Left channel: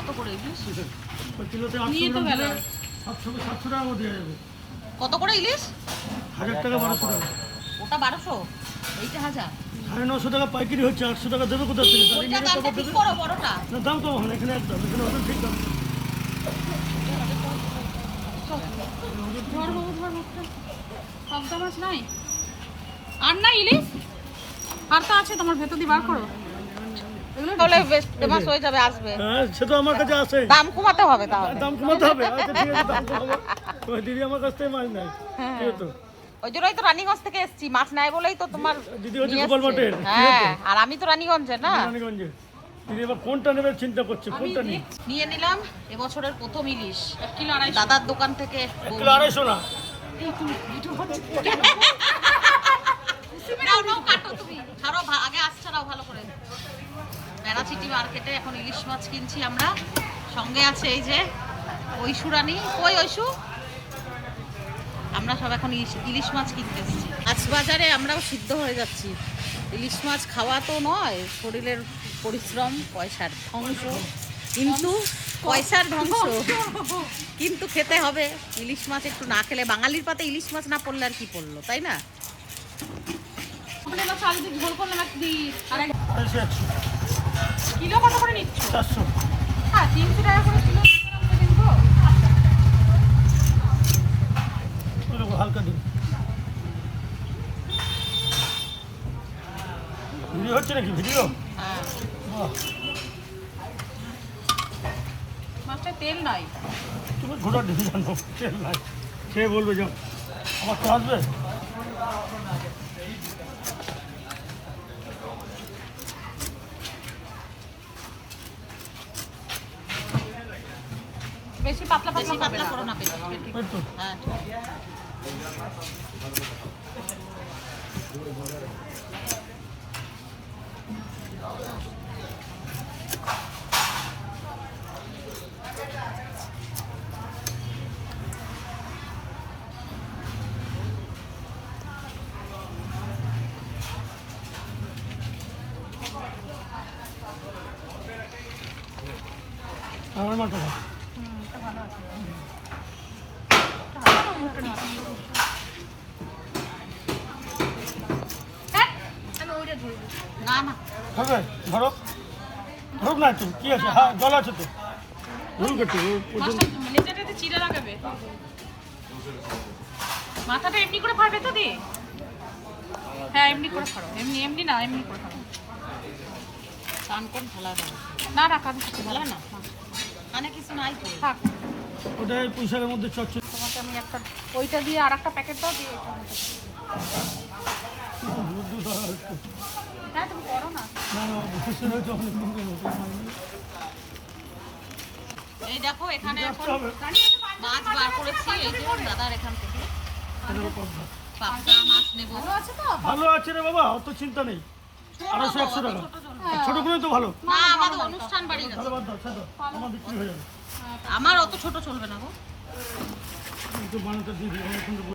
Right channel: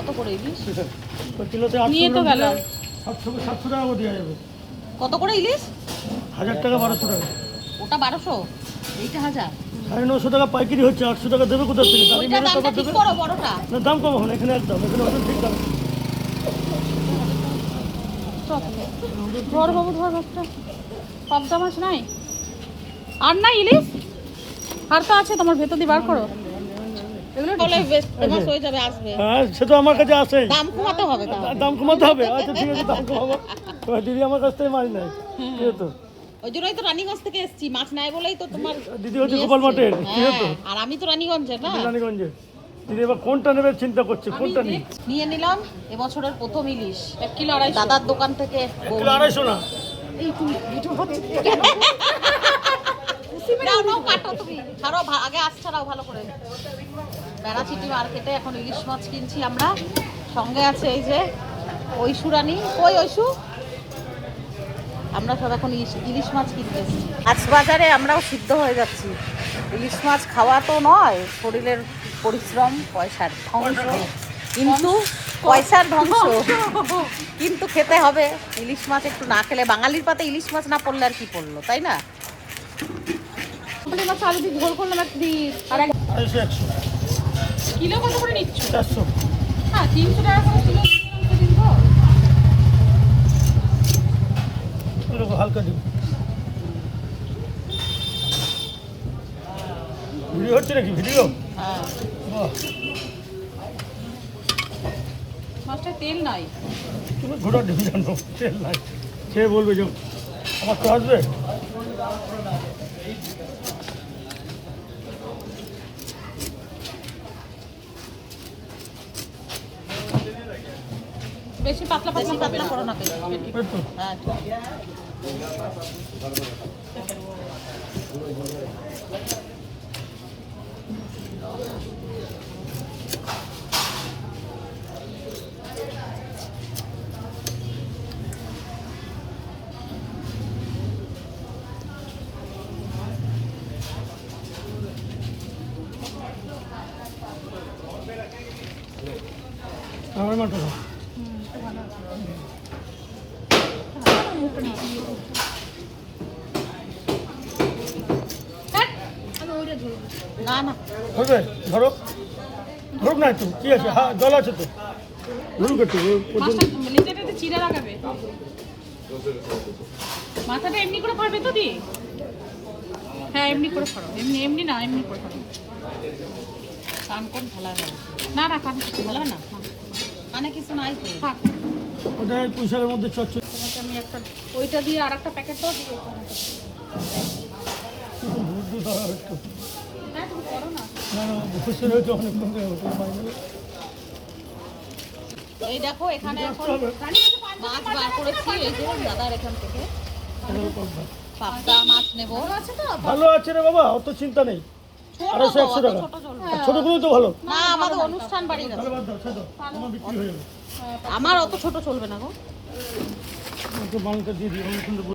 কত করে ইলিশ? কিলোতে নিয়ে তো গেল 700 টাকা করে দেওয়া যাবে। কত করে ইলিশ? 1000 টাকা 1200 টাকা। ওটা 1200, এইটা 1000। 950 টাকা পাইকারি হচ্ছে, 800 টাকা দেবে কোথা থেকে? ওইটা দামটা ঠিক করো বড়টা। না দাম কম হবে এখানে, একদম এখানে ওদের ঠিক দাম। ধর বাবু ধর একটা পাবদা মাছ নাই আর না ইলিশ আর তো আছে তোমার ভেতর দিয়ে বার করো এগুলো তাহলে বেশ ফেমাস হয়ে যাবে আসবে। হ্যাঁ সে তো আমার কাছে আসে, দাম কমাতে হবে তাহলে। দাম কমাতে হবে। আচ্ছা ঠিক আছে, দাম কমাবো। তোমার দিদি আমার কাছ থেকে মাছ নেয়, ঠিক আছে তো? ওই জন্যই তো রানীগঞ্জ থেকে এসেছি, মাছ নাই বলেই তো তোমার দিদি হচ্ছে গোপাল মাঠের, ঠিক আছে? হ্যাঁ আর আমি তো রানীগঞ্জের না। রানীগঞ্জে দিদি এবার কোনটা নেবে চিন্তা করছে, কোনটা নিয়ে। নিয়ে নিলাম এবছরের প্রথম ইলিশ 1 কিলো 250 দাদার দোকান থেকে। 1 কিলো 250 না। এই তুমি ভিডিও করছো নাও নাও কাটো তুমি, ছাড়ো আগে আজ ছাড়াও ভালো করে। বেড়াচিটি মার্কেটে এখন ইলিশ মাছ কিনছি আমরা, সঙ্গে আছে এই যে ঐশু রানী। কই ঐশু? আমরা সব এখন ইলিশ মাছ কিনতে এসেছি। আজ বাজারে আমরাও সিদ্ধ হয়ে যাচ্ছি। ইলিশ মাছ খাওয়া তো নয়, শরীরের পরিশ্রম, পয়সার ধ্বংস, কিন্তু পয়সার ধ্বংস কিন্তু খেতে হবে। ইলিশ মাছ একটু না খেলে, বাঙালির পাতে ইলিশ মাছ না পড়লে আর কি পড়লো, তাই না? ঝোল করলাম একদিন আর 100 কিলো কত করে নিচ্ছ? 400। হ্যাঁ 300 টাকা করে কিলো ওরকম হালকা দিন। ভিডিও হচ্ছে নাকি? ভিডিও বাহ, মাছটা তেল নাই। তুমি ঘোড়া ডিবি জানো, তেল নাই। কে বলবে যে আমার তো আসবে? বেশি পাতলা পাতলা করো না পেট। ওই তো হ্যাঁ আমার মাঠে না। না না হবে ধরো, ধরুক না একটু, কি আছে? হ্যাঁ জল আছে তো, ধরুক একটু। লিটারে চিড়া লাগাবে, মাথাটা এমনি করে ফাড়বে তো দি। হ্যাঁ এমনি করে ফাড়ো, এমনি না এমনি করে ফাড়ো। কান কোন ঢালা না না কান কিছু ঢালা না, কানে কিছু নাই তো। থাক ওটা পুঁইশাকের মধ্যে চচ্চড়ি। তোমাকে আমি একটা ওইটা দিয়ে আর একটা প্যাকেট দাও দিয়ে বুদ্ধি ধরা একটু। হ্যাঁ তুমি করো না। না না বুঝতে হয়েছে অনেক কমে এই দেখো এখানে এখন মাছ বার করেছি, এই যে দাদার এখান থেকে পাবদা মাছ নেবো। আছে তো ভালো আছে রে বাবা, অত চিন্তা নেই। 250 100 টাকা। ছোটগুলোই তো ভালো। না আমাদের অনুষ্ঠান বাড়ি আছে, তাহলে বাদ দাও, ছেড়ে দাও, আমার বিক্রি হয়ে যাবে। আমার অত ছোট চলবে না গো। একটু বানাতে দিয়ে দিই।